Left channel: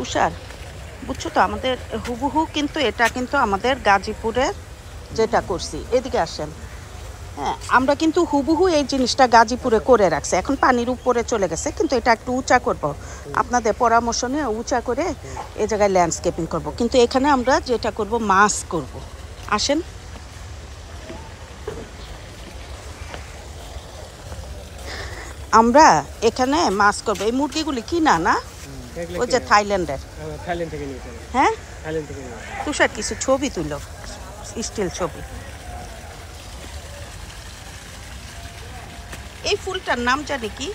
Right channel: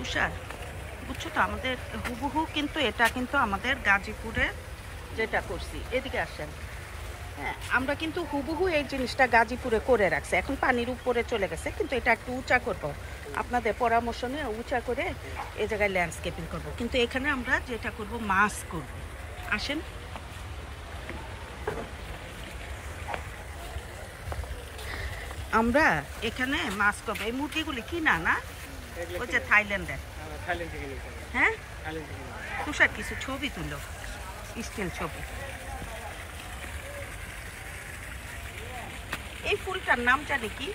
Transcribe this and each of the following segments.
তুষার, বুঝছো তো আমাদের হুবহু কিন্তু এটা কিন্তু আমাদের গাজীপুরে যেটা করছি। এদিকে আসেন। হ্যাঁ, আমরা কিন্তু হুবহু এই জিনিসটা গাজীপুরে করে রাখছি। এখন পানির উপরে চলে গেছে, কিন্তু এটা একটু উঁচা করব। আপনাদের পরামর্শ নিয়ে উঁচা করে এই জায়গায় ল্যান্ডস্কেপিং করব। কিন্তু এখানে আমরা যেটা করব, মাছ করব। আসেন। আমরা এখানে মাছ করবো। এই মুরগিগুলি কিনা না? ওই যে থাইল্যান্ডের। হ্যাঁ, তুষার কিছু ছবি তুলো, স্টিল ছবি। এই ফুলটার নাম জানি কি?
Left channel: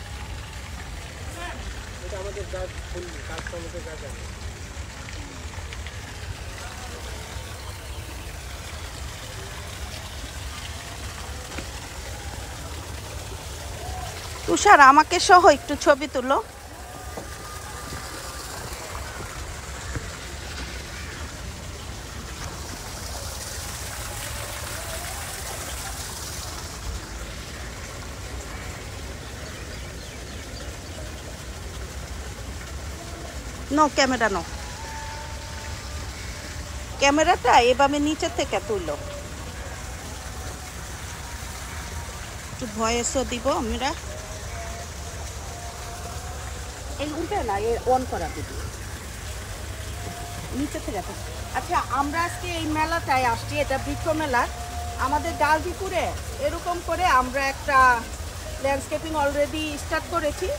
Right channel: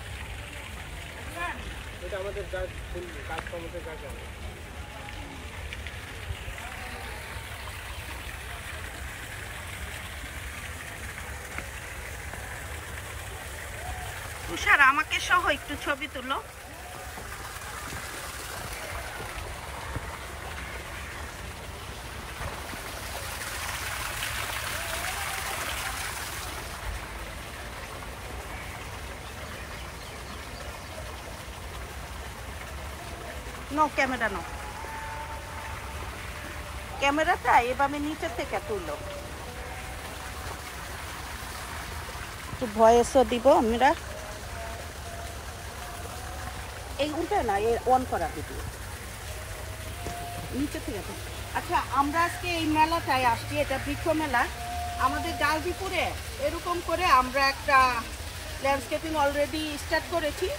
তুষার, আমাকে সহ একটু ছবি তুলো। নো ক্যামেরা, নো ক্যামেরাটা এভাবে নিচে থেকে তুলো। একটু ভয়েসও দিব আমরা। এইগুলো না অন করা দিবি নিচে থেকে। আচ্ছা, আমরা আজকে এই মেলাটায় আসছি, এটা বৃক্ষ মেলা আমাদের গাজীপুরে। এরকম করে আমরা একটা ল্যান্ডস্কেপিং অলরেডি স্টার্ট করেছি।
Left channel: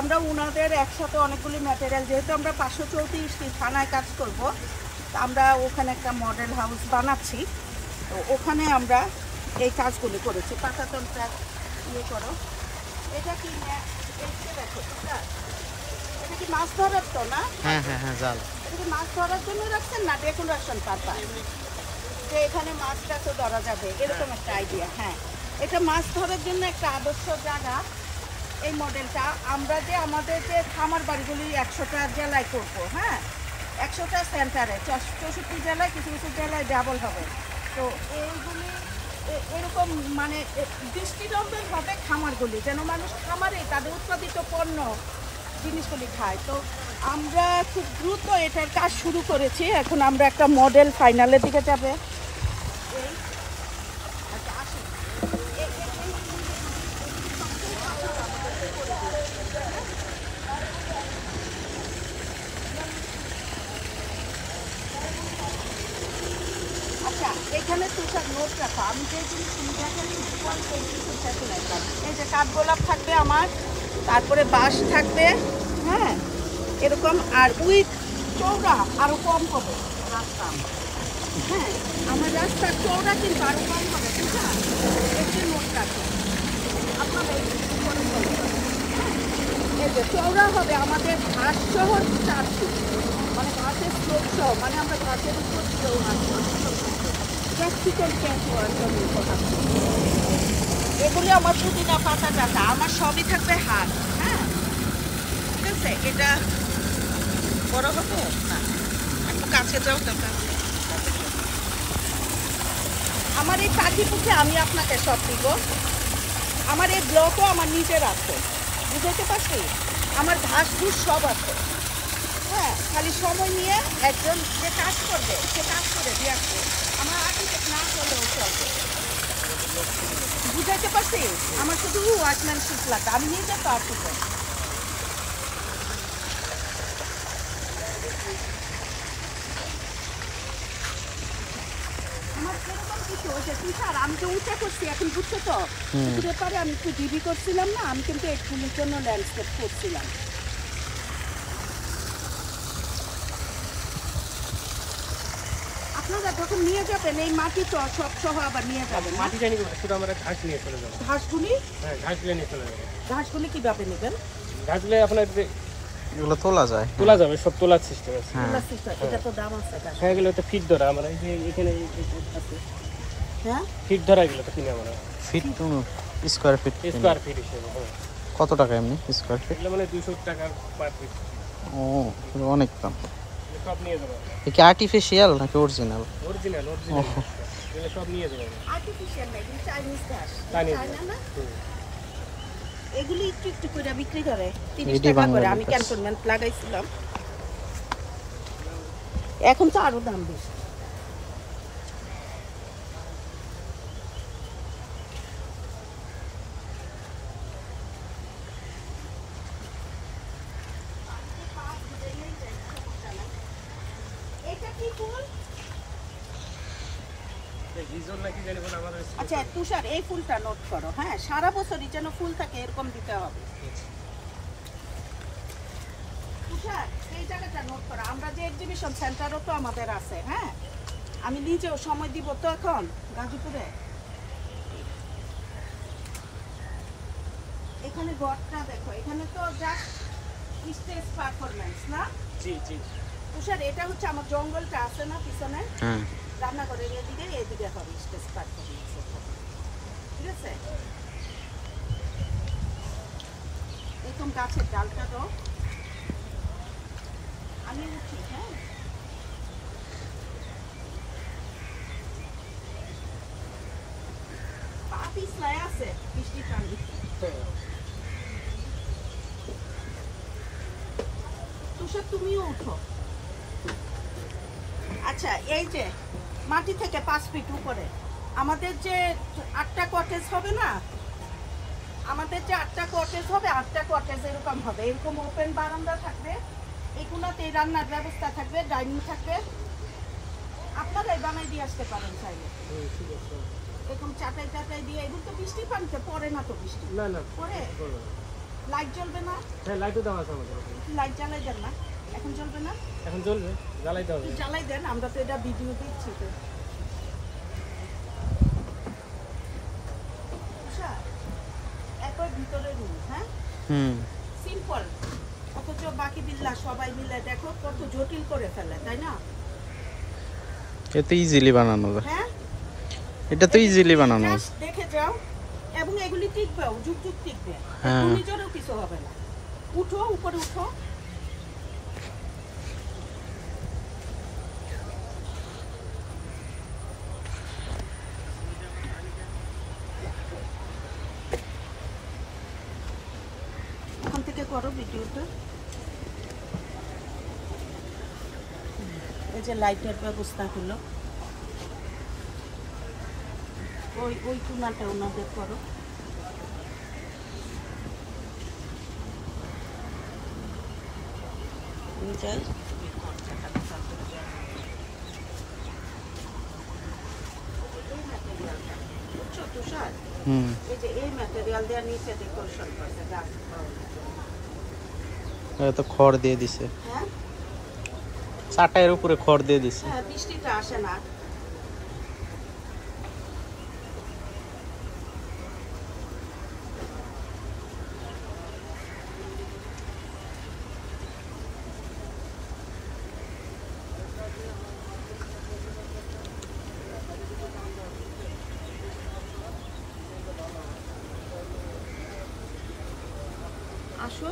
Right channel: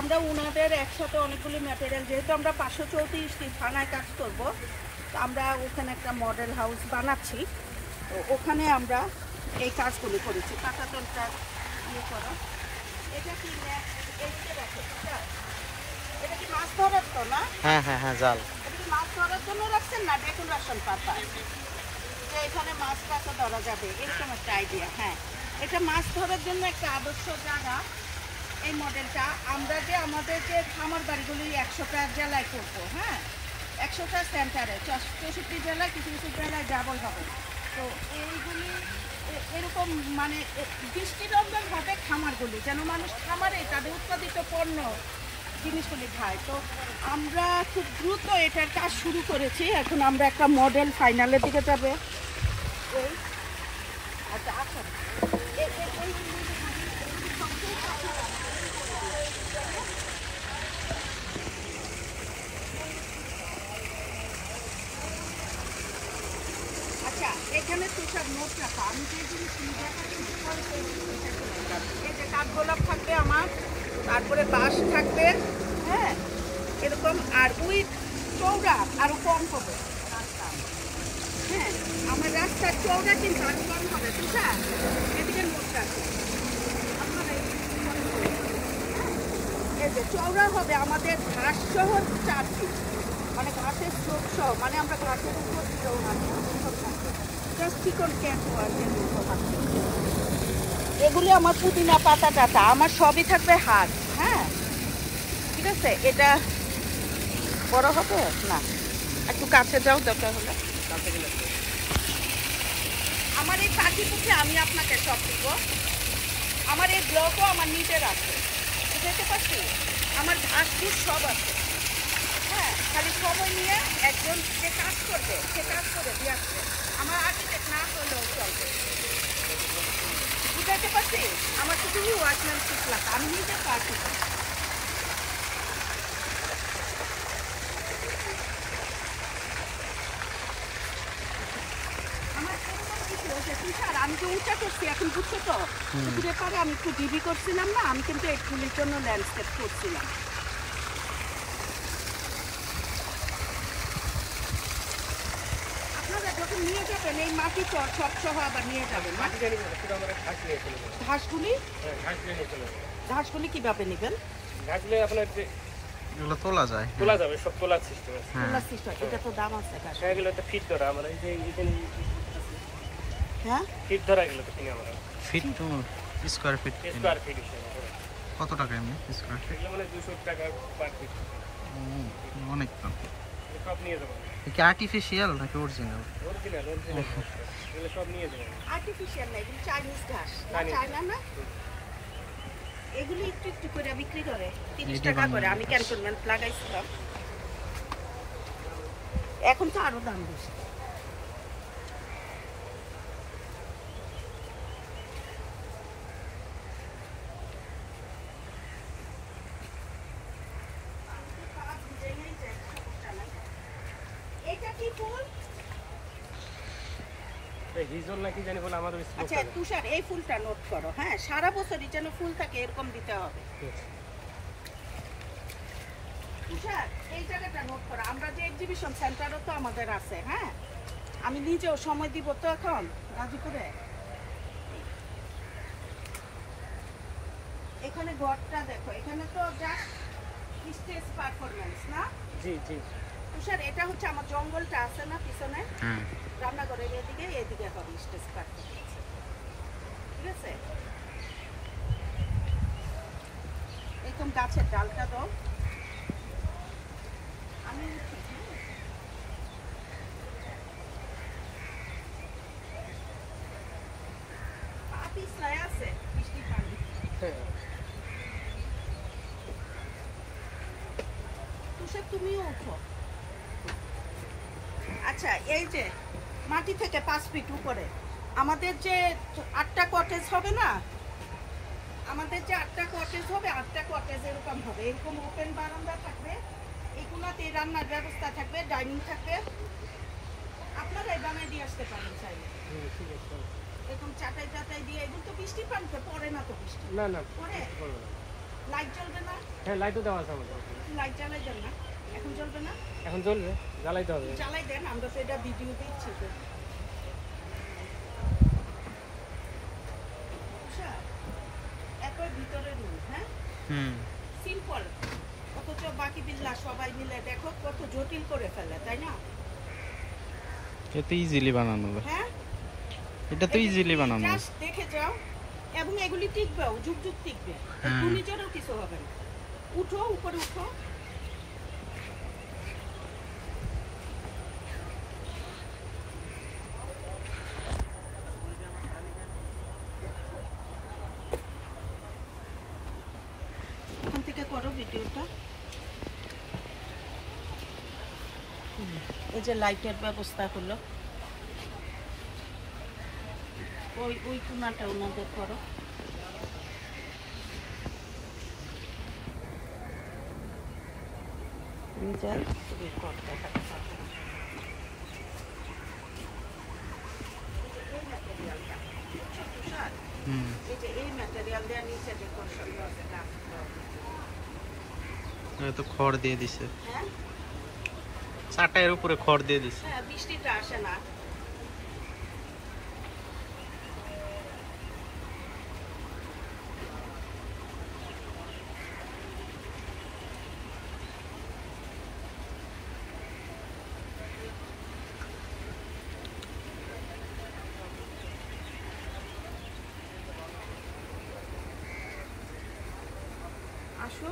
আমরা ওনাদের একসাথে অনেকগুলি ম্যাটেরিয়াল, যেহেতু আমরা 534টি থানায় কাজ করব, আমরা ওখানে একটা মডেল হাউস বানাচ্ছি। তো ওখানে আমরা এই কাজগুলি করেছি। পাতাতনটা ইয়ে করো। এটা কি দেখো, এটা কি মাছ ধরার তো না? হ্যাঁ হ্যাঁ হ্যাঁ, জাল। এটা কি মাছ ধরার জন্য রাখছেন না ডেকোরেশন পারপাস? যে এখানে মাছটা তো ধরা যাবে এরকম একটা আইডিয়া। হ্যাঁ, এটা মাছ ধরার জন্য একটা আদর্শ জায়গা এই মডেলটা। আমরা যে আমাদের যে খামার বাড়িগুলি 100টা জেলায় করবো। হ্যাঁ, 100টা সেন্টারে, 64 জেলায়, কিছু কিছু জেলায় ডাবল হবে। তো এইগুলি এরকম মানে দৃষ্টিনন্দন হবে খামারগুলি, যেন মানুষ খামারে তাদের উৎপাদিত পণ্য জিনিসগুলি খায়। তো আমরা খুব দ্রুত এটার কাজ শুরু করেছি। এখন আমরা একটা মডেল ফাইনালের দিকে যাবে। আচ্ছা, এখানে তুষার নোট রাখা। আমি যে জিনিস এই যে কাঠগোলাপ থাকবে আমার, তারপরে বাঁশ থাকবে। হ্যাঁ, এরকম। আর উইথ চৌড়া আরো কম হবে রাস্তা। হ্যাঁ, আমার রাস্তার চৌড়া কিন্তু আরো কম হবে। ঠিক আছে, এদিকে নোট রাখো আপনারা। এই যে চৌড়া হবে আমাদের ঘাস শহর 4 ফিট, মানে ঘাসের স্লোপ সহ, মানে আমরা ঘাসের উপর দিয়েও রাখবো। এগুলি আমার পুদিনা পাতা কাটা, আমার সবই থাকবে হাত। হ্যাঁ, ঠিক আছে। এটা বড় হবে না, একটু কাছে যাও দরকার হলে। আমার এই চাকরিটিকে আমি আপনাকে সব দিব। আমার এই ব্লকও আমার নিজের আছে, বুঝতে পারছি। আমার ঘাসগুলি সব আছে। হ্যাঁ, খালি সময় নিয়ে একজন যে কাজ করবে সে কাজ করে দিয়ে আসবে। আমার আর্টিটেক্ট না করলেও চলবে, বুঝাইতে পারছি। আমার শুধু ওয়ার্কম্যানশিপ লাগে, আমি নিজে তো আর্টিটেক্ট। আমার এরকম কিছু হচ্ছে তুষার, আমি যে উঁচা করছি এখন, বুঝছো তো? ব্যাপারে আমি একটু ডিবি করছিলাম না, আমি কিন্তু এগুলির জন্য ল্যান্ডস্কেপ করছিলাম। আপনারা যখন নিয়ে যাবেন এই মাটি তো সব সহ আবার নিয়ে যাবেন। ঘাসগুলি ঘাসগুলি কিভাবে নেবেন? ঘাসগুলি আপনার এগুলো তোলা যায়, তোলা যাবে, সব তোলার সিস্টেম আছে। তোলার সিস্টেম, এটা তো দাম আছে। হ্যাঁ, এগুলো তো ফিট ধরা, মানে এই যে এখানে আছে। হ্যাঁ, ফিট ধরা, এগুলো তো কিনে আমরা ফিট স্কয়ার ফিট হিসেবে। কত টাকা এমনি স্কয়ার ফিট? মানে 200 টাকা পার ফিট। ও, অনেক দাম। সব নিয়ে যাবেন। এটা কি আর্টিফিশিয়াল নাকি অরিজিনাল? অরিজিনাল। ও, এগুলো সব নিয়ে যাবেন। আর্টিফিশিয়াল না, এগুলো চাইনিজ ঘাস। চাইনা না, এগুলি একটু একটু করে বিক্রি করে 30 টাকা করে। আমি ক্যান্টনমেন্ট লাগাইছিলাম। এখন তো আরো দাম বেশি। এটা কি ফুল? আচ্ছা তুষার, এই ফুলটা নোট করো। হ্যাঁ, সারা বছরই যেন ফুল থাকে এরকম দিতে হবে। তুষার, এই জায়গাটা নোট করো। আমরা যে এক্সিবিশন সেন্টারও তো আমাদের আছে। হ্যাঁ, আমি নিজেও সময় দিব তো এখন গাজীপুরে। এখানে ঘরটা দেখো, এখানে তো জাস্ট স্টেজ পারফরম্যান্স না? জি জি। তুষার, এটা হচ্ছে আমার জঙ্গলটা আছে না পিছনে, হ্যাঁ, রান্নাঘরের এদিকে হবে স্টেজ পারফরম্যান্স। ঠিক আছে, এরকম গাছের ডালটা দাও, আমি উঠি। হ্যাঁ, পা পিছলায় আছে বৃষ্টি পানি। তুষার, তুমিও উঠো। আচ্ছা, এই যে মাটি থেকে 5 ফিট উপরে আমাদের যে 8টা কটেজ হবে না, আমাদের যে 8টা কটেজ হবে, 8টা কটেজ এরকম হবে। এরকম ওপেন বারান্দা থাকবে, এগুলোতে রান্নার ব্যবস্থা থাকবে, ডাইনিং থাকবে। আপনারাই বানাই দিয়ে আসতে পারেন চাইলে। ঠিক আছে। এরকম চাটাই টাটাই দিয়ে। এগুলো তো বৃষ্টির পানিতে পড়ে না তো? বৃষ্টি না না পড়ে। লাইট জ্বলবে না? হ্যাঁ, লাইটও দেওয়া আছে আমাদের। লাইট জ্বালাই দেন না? এখন জ্বলবে না? এখন জ্বলবে, জ্বালাইতে হবে। জ্বালাই দেন, আমরা তো এটা ভিডিও দিচ্ছি তো। একবার ভিতরে রুম। হ্যাঁ, সিম্পল, অথচ বাকি বিল্লা সবাই মিলে দেখো কত জটিল করে ফেলে, তাই না? এটা ইজিলি বানানো যায়। হ্যাঁ, এটা তো ইজিলি বানানো যায়। জাস্ট দেখে যাও, এবং এগুলি টিকবেও, যুগ যুগ টিকবে। হ্যাঁ। ঘূর্ণিঝড়েও কিছু হবে না। উঠো, উপরে উঠো। ওখান থেকে করো ভিডিওটা। এই যে লাইটের ব্যবস্থা হলো, ওই কোনাটা ওনাদের করো। যাই এই যে এই ম্যাটেরিয়াল দেওয়ার নিচে ডেকোরেশন করছে গাছ। তো খড় দিয়ে দিছে। হ্যাঁ, চাটাইয়ের উপরে খড় দিয়ে দিছে। হ্যাঁ, বৃষ্টিটা আসে না। আসো,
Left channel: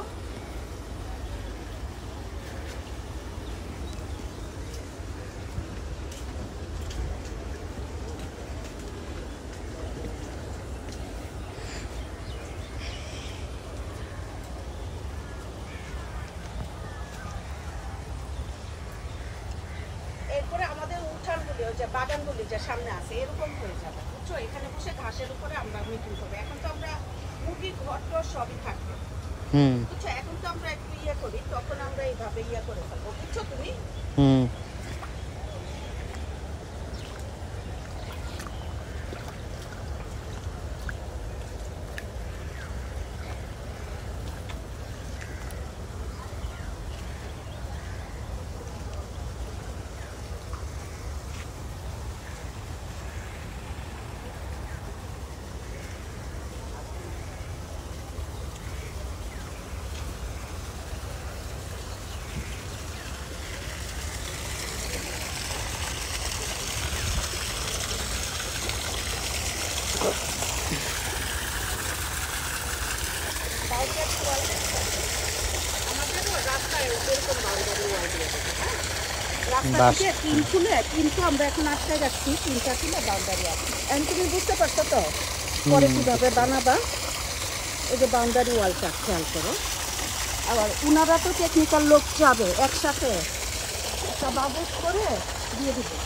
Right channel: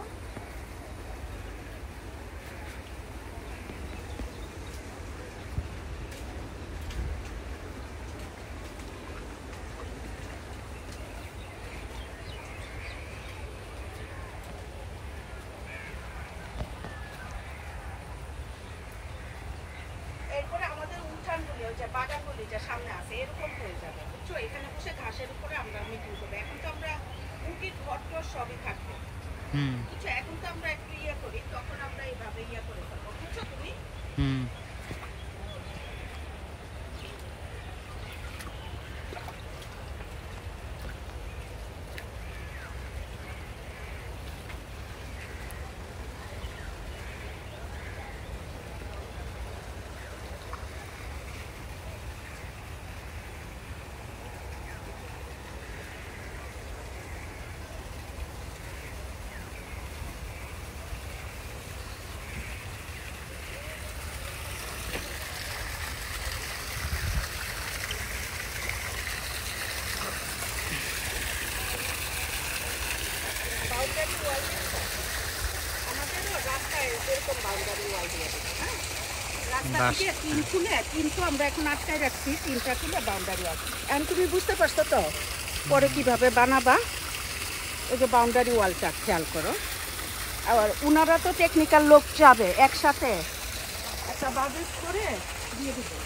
এরপরে আমাদের উঠানগুলি, ওই যে বাগানগুলি যে সামনে আছে এরকম হয়ে যাবে, বুঝছো? এখানে বসে ঘাসের উপরে আমরা মিটিং করবো। এখন তো আমরা মুরগির ঘর টর সবই থাকবো, বুঝছো? এখন তো আমরা একটু ইয়ে করি, তখন আমরা এইভাবে ইয়ে করে ফেলবো, বুঝছো তুমি? আমাদেরও রাস্তায় এরকম বাউন্ডারি ওয়াল দিয়ে দেবো। হ্যাঁ, রাস্তা থেকে টিন খুলে, টিন তো আমরা এখন আটকায় রাখছি, টিনটা খুলে বাউন্ডারি আছে। এখন তুমি বুঝতে পারছো তো পরে কিভাবে বানাবা? এই যে বাউন্ডারি ওয়ালটা খেয়াল করো। আবার ওনারা তো টেকনিক্যাল লোক যাবে একসাথে, একটা বাজেট করে দিয়ে দেবো।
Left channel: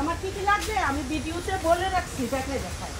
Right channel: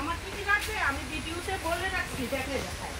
আমার কি কি লাগবে আমি ভিডিওতে বলে রাখছি, দেখলে দেখায়।